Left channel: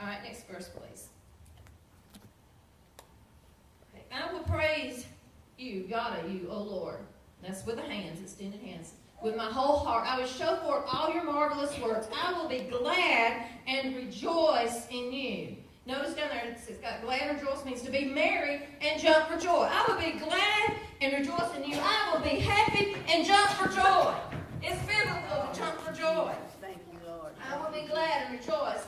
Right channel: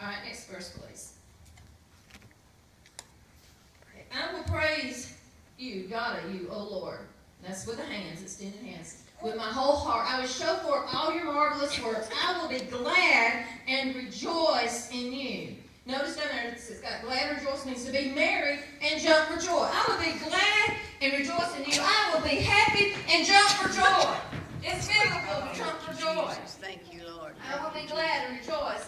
All right, next verse, please. I will praise you, God, you, O Lord. That's with the hands, extended hands. With my whole heart, I will show forth all your marvelous works. I will be glad and rejoice in you. Notice down there, it's got glad and rejoice means to be merry and jump for joy. I will be glad and rejoice in you. I will be happy and jump for joy. It's biblical to jump for joy. Thank you, Lord. I will be glad and rejoice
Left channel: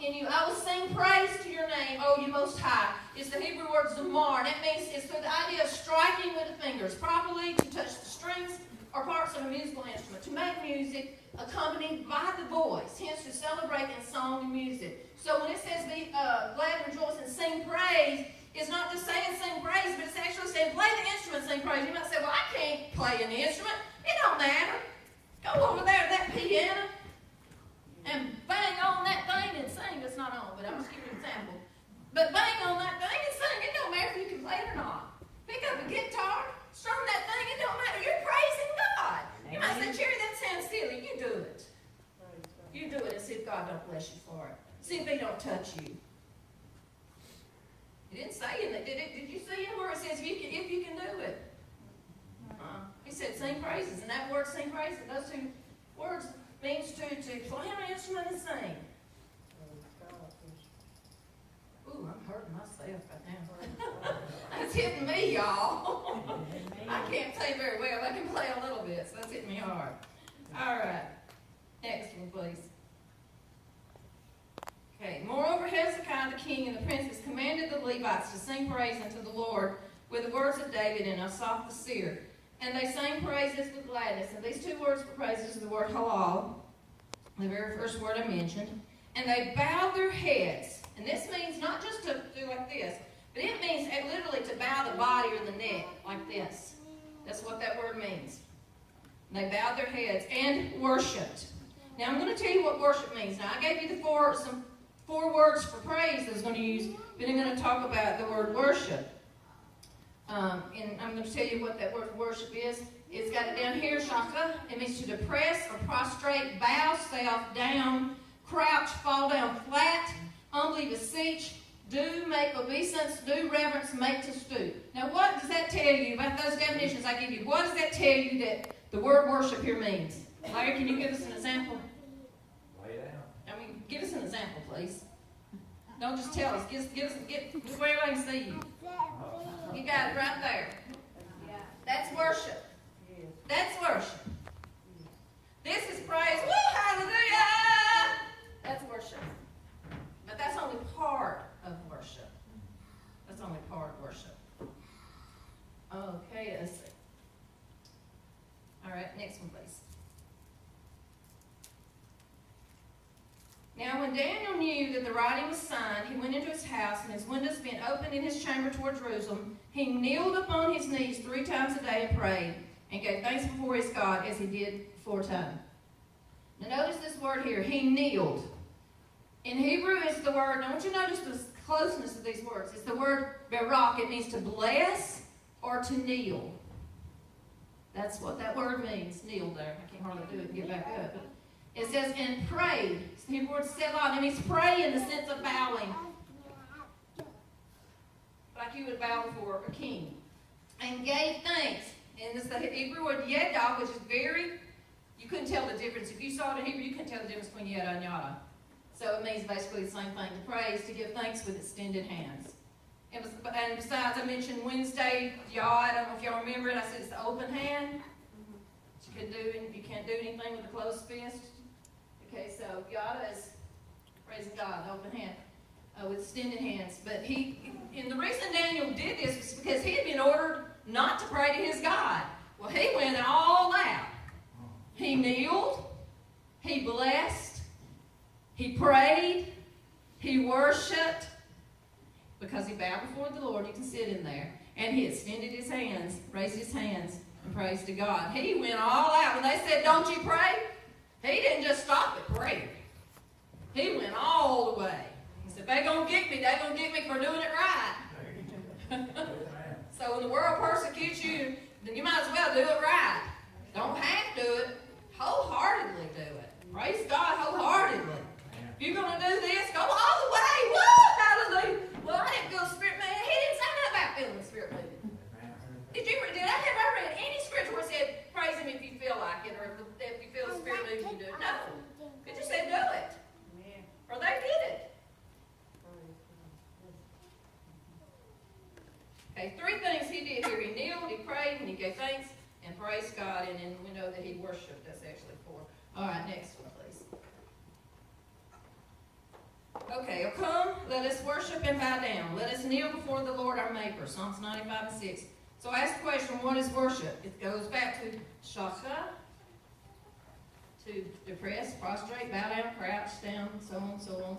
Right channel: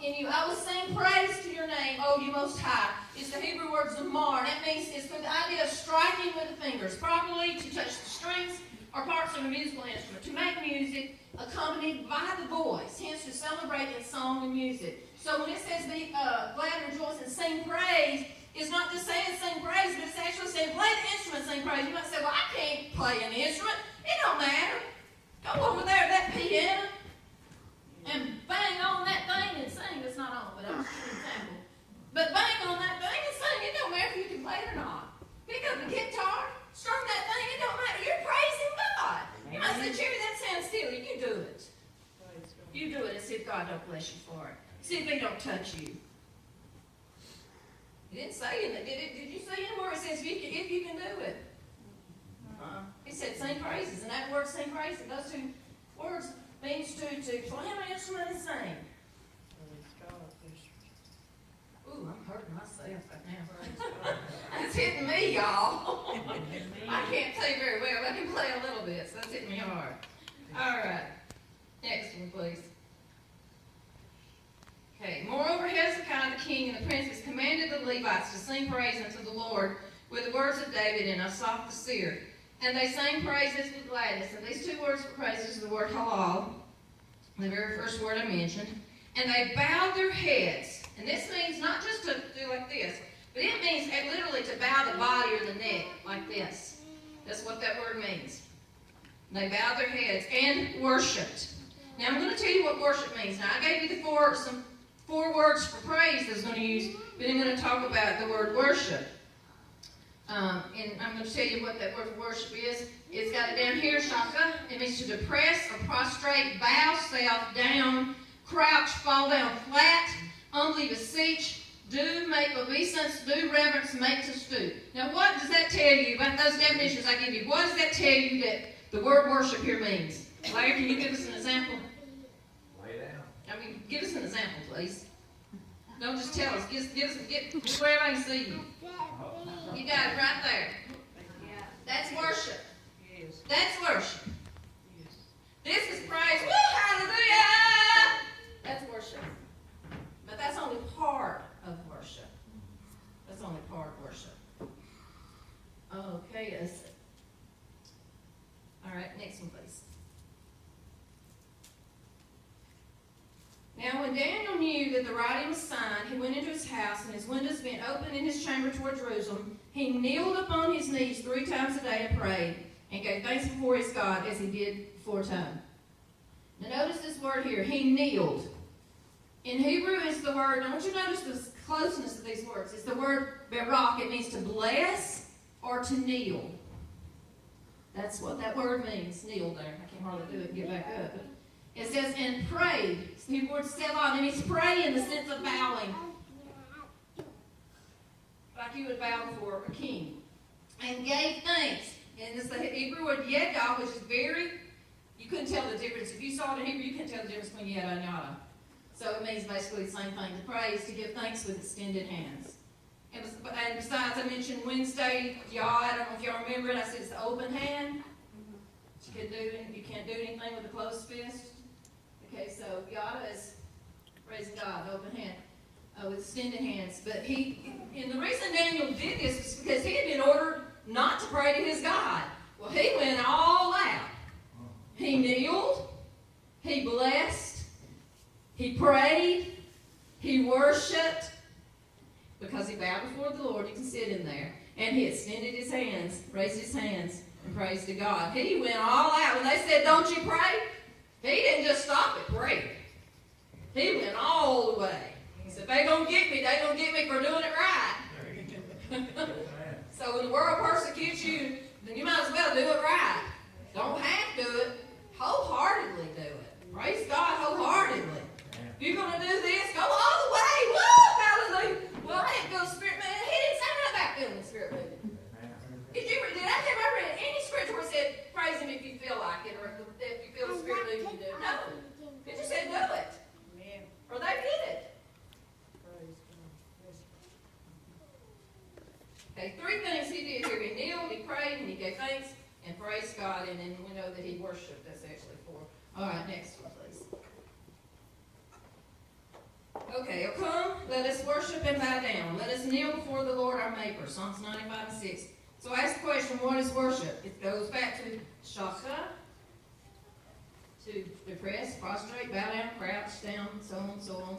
in you. I will sing praise to your name, O you most high. It's the Hebrew word zamar. That means it's the idea of striking with the fingers, properly to touch the strings or parts of a musical instrument, to make music accompanied by the voice, hence to celebrate in song and music. So when it says be glad and rejoice and sing praise, it's not just saying sing praise, but it's actually saying play the instrument, sing praise. You might say, well, I can't play an instrument. It don't matter. Go over there to that piano and bang on that thing and sing. It's not on, but I'm just giving an example. But bang on that thing and sing. It don't matter if you can play it or not. Pick up a guitar, strum that thing. It don't matter. You're praising God. You might say, Cherry, that sounds silly. You do it. You do it and see if God don't bless you for it. See if He don't touch you. He didn't say in it, did it? Did you see him where it says if you can do it? He said sing praises, and that word sing praises, those two words means to play an instrument and sing. Ooh, I'm hurting myself right now. That's hitting me, y'all. I can't play very well. I can play a little bit, so that's hitting me hard. All right. Next one, please. Okay. Moreover, Hezekiah the king and the princes commanded the Levites to sing praise unto the Lord with the words of David and Asaph the seer. And they sang praises with gladness. And these two words for praises are the word halal, the very first word I mentioned. And they bowed their heads. And this means not just to do like this, but it means literally to bow the body or the neck like this. That's what that word means. They bowed their heads and worshipped. Now I'm going to tell you what worship means. Now I gave you some four words for praise I was going to use, but I'm going to talk about the word worship. And I'm going to tell you what that word for worship is. It's got it down here, shaka. It means to depress or prostrate, bow self down, crouch, fall down flat, humbly beseech, do, make obeisance, do reverence, make to stoop. Now what does that tell you about those definitions I give you? What does that tell you that the word worship here means? Larry, can you give us an example? Lay down. I mean, give us an example, please. Don't just tell us. Get where everybody can see you. You got it right there. That's worship. That's worship. This is praise. Woo, hallelujah! That's worship. But that's only part of worship. That's only part of worship. Okay, let's see. All right, next one, please. Now, when Daniel knew that the writing was signed, he went into his house, and his windows being open in his chamber toward Jerusalem, he kneeled upon his knees 3 times a day and prayed, and gave thanks before his God as he did aforetime. Now, notice this word here, he kneeled. In Hebrew, it's the word, now I want you to notice the closeness of these words. It's the word barak. It means to bless or to kneel. That's what that word means, kneel there. I can't hardly do it and get back up. It says, and prayed. It's the Hebrew word selah, and it's pray in the sense of bowing. Like you would bow before a king. And gave thanks. And it's the Hebrew word yada, which is very, you couldn't tell the difference. If you saw it in Hebrew, you couldn't tell the difference between yada and yada. So it means basically the same thing, to praise, to give thanks with extended hands. And besides, I mentioned Wednesday, yod, I don't know if y'all remember it, I said it's the open hand. You can't do anything with a closed fist. Okay, so yada is praising God, open hand, with extended hands. But and the reason Daniel did this is because he had been ordered not to pray to his God. Well, he went all out. He kneeled, he blessed, he prayed, he worshiped, because he bowed before the Lord. You can sit in there. And he extended his hands, raised his hands, and praised to God. He went all out. When they said, don't you pray? He didn't just stop at praying. He went all the way. He said, they're going to get me for doing it right. So when the world persecutes you, then you might as well do it right. Don't have to do it. Wholeheartedly do it. Praise God wholeheartedly. You're going to do this? Go all the way. Woo! Hallelujah. Well, I didn't feel the Spirit moving. He didn't say nothing about feeling the Spirit moving. Did I ever read any scripture where it said, praise Him if you feel like it, or if you feel the Spirit moving, you do it? No. It just said, do it. Or they did it. Okay, 3 things he did here. He kneeled, he prayed, and he gave thanks, and praised God, and then we know that he worshiped. That's actually 4. All right, next one, please. Okay, oh, come, let us worship and bow down. Let us kneel before the Lord our Maker. Psalms 95 and 6. So I ask the question, what is worship? It goes back to shaka, to depress, prostrate, bow down, crouch down, so on and so on.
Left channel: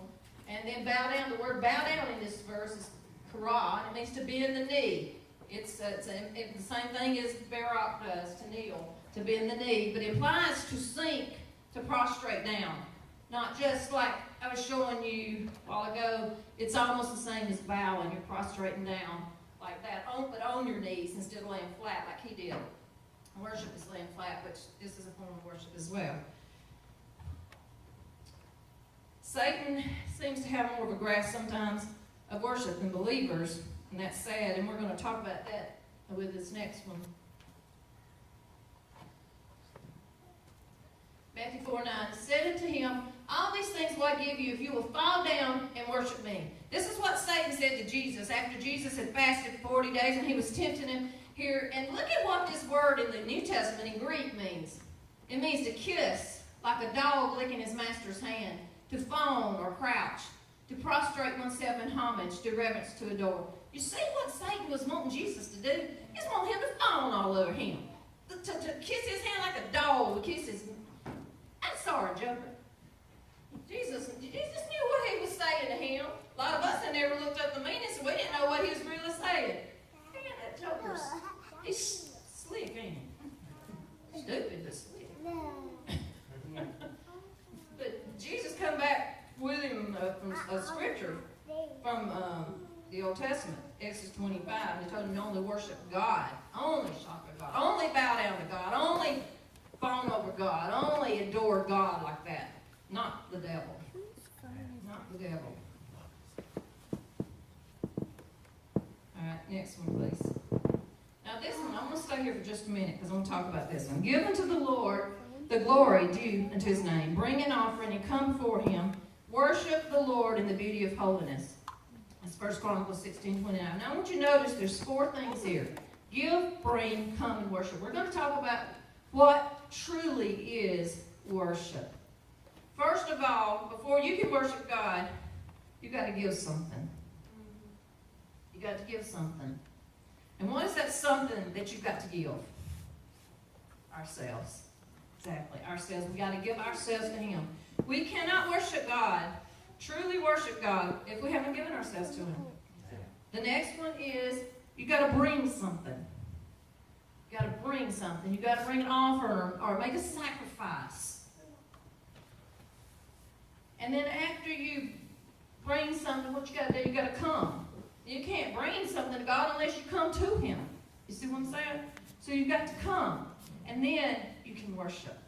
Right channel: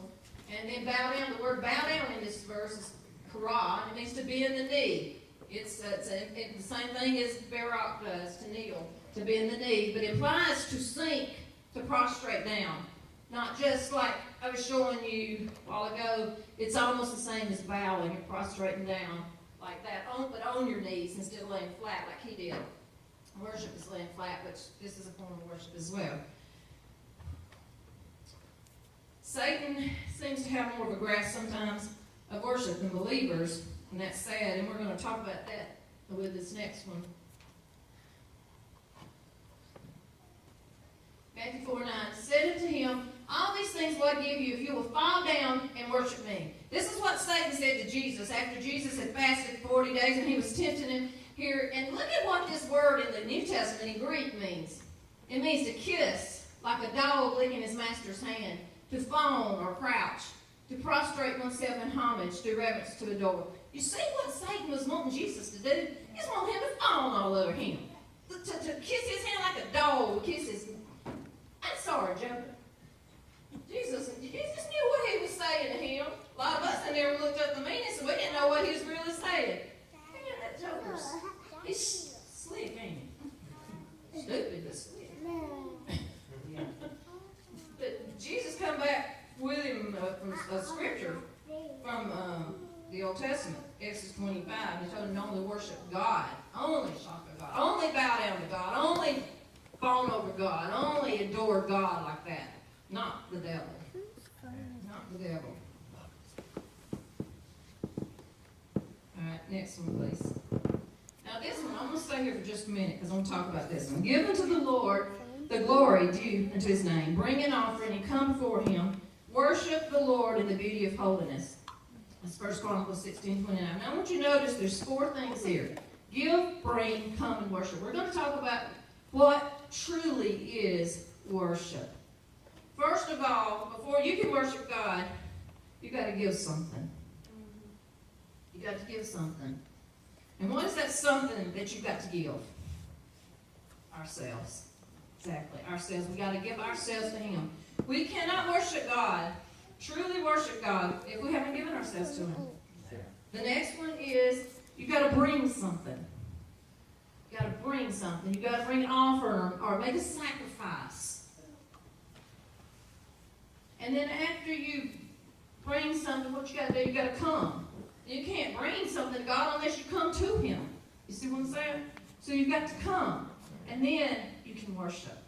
And then bow down, the word bow down in this verse is kara. It means to bend the knee. It's the same thing as barak does, to kneel, to bend the knee. But it implies to sink, to prostrate down. Not just like I was showing you a while ago, it's almost the same as bowing and prostrating down like that, but on your knees instead of laying flat like he did. Worship is laying flat, which this is a form of worship as well. Satan seems to have more of a grasp sometimes of worship than believers, and that's sad, and we're going to talk about that with this next one. Matthew 4:9 said unto him, all these things will I give you if you will fall down and worship me. This is what Satan said to Jesus after Jesus had fasted 40 days and he was tempting him here. And look at what this word in the New Testament in Greek means. It means to kiss, like a dog licking his master's hand, to fawn or crouch, to prostrate oneself in homage, to reverence, to adore. You see what Satan was wanting Jesus to do? He was wanting him to fawn all over him. To kiss his hand like a dog would kiss his... I'm sorry, Joker. Jesus knew what he was saying to him. A lot of us had never looked up the meaning, so we didn't know what he was really saying. Man, that Joker's... He's slick, ain't he? Stupid, but slick. But Jesus come back with him from a scripture from the Old Testament, Exodus 25. He told him to only worship God, only shop at God, only bow down to God, only fawn over God, only adore God like that, not the devil. Not the devil. All right, next one, please. Now this one, I'm going to stay here for just a minute because I'm going to talk about this one. Give unto the Lord the glory due unto his name. Bring an offering and come before him. Worship the Lord in the beauty of holiness. That's 1 Chronicles 16:29. Now I want you to notice there's 4 things here. Give, bring, come, and worship. We're going to talk about what truly is worship. First of all, before you can worship God, you've got to give something. You've got to give something. And what is that something that you've got to give? Ourselves. Exactly, ourselves. We've got to give ourselves to him. We cannot worship God, truly worship God, if we haven't given ourselves to him. The next one is you've got to bring something. You've got to bring something. You've got to bring an offering or make a sacrifice. And then after you bring something, what you got to do, you've got to come. You can't bring something to God unless you come to him. You see what I'm saying? So you've got to come. And then you can worship.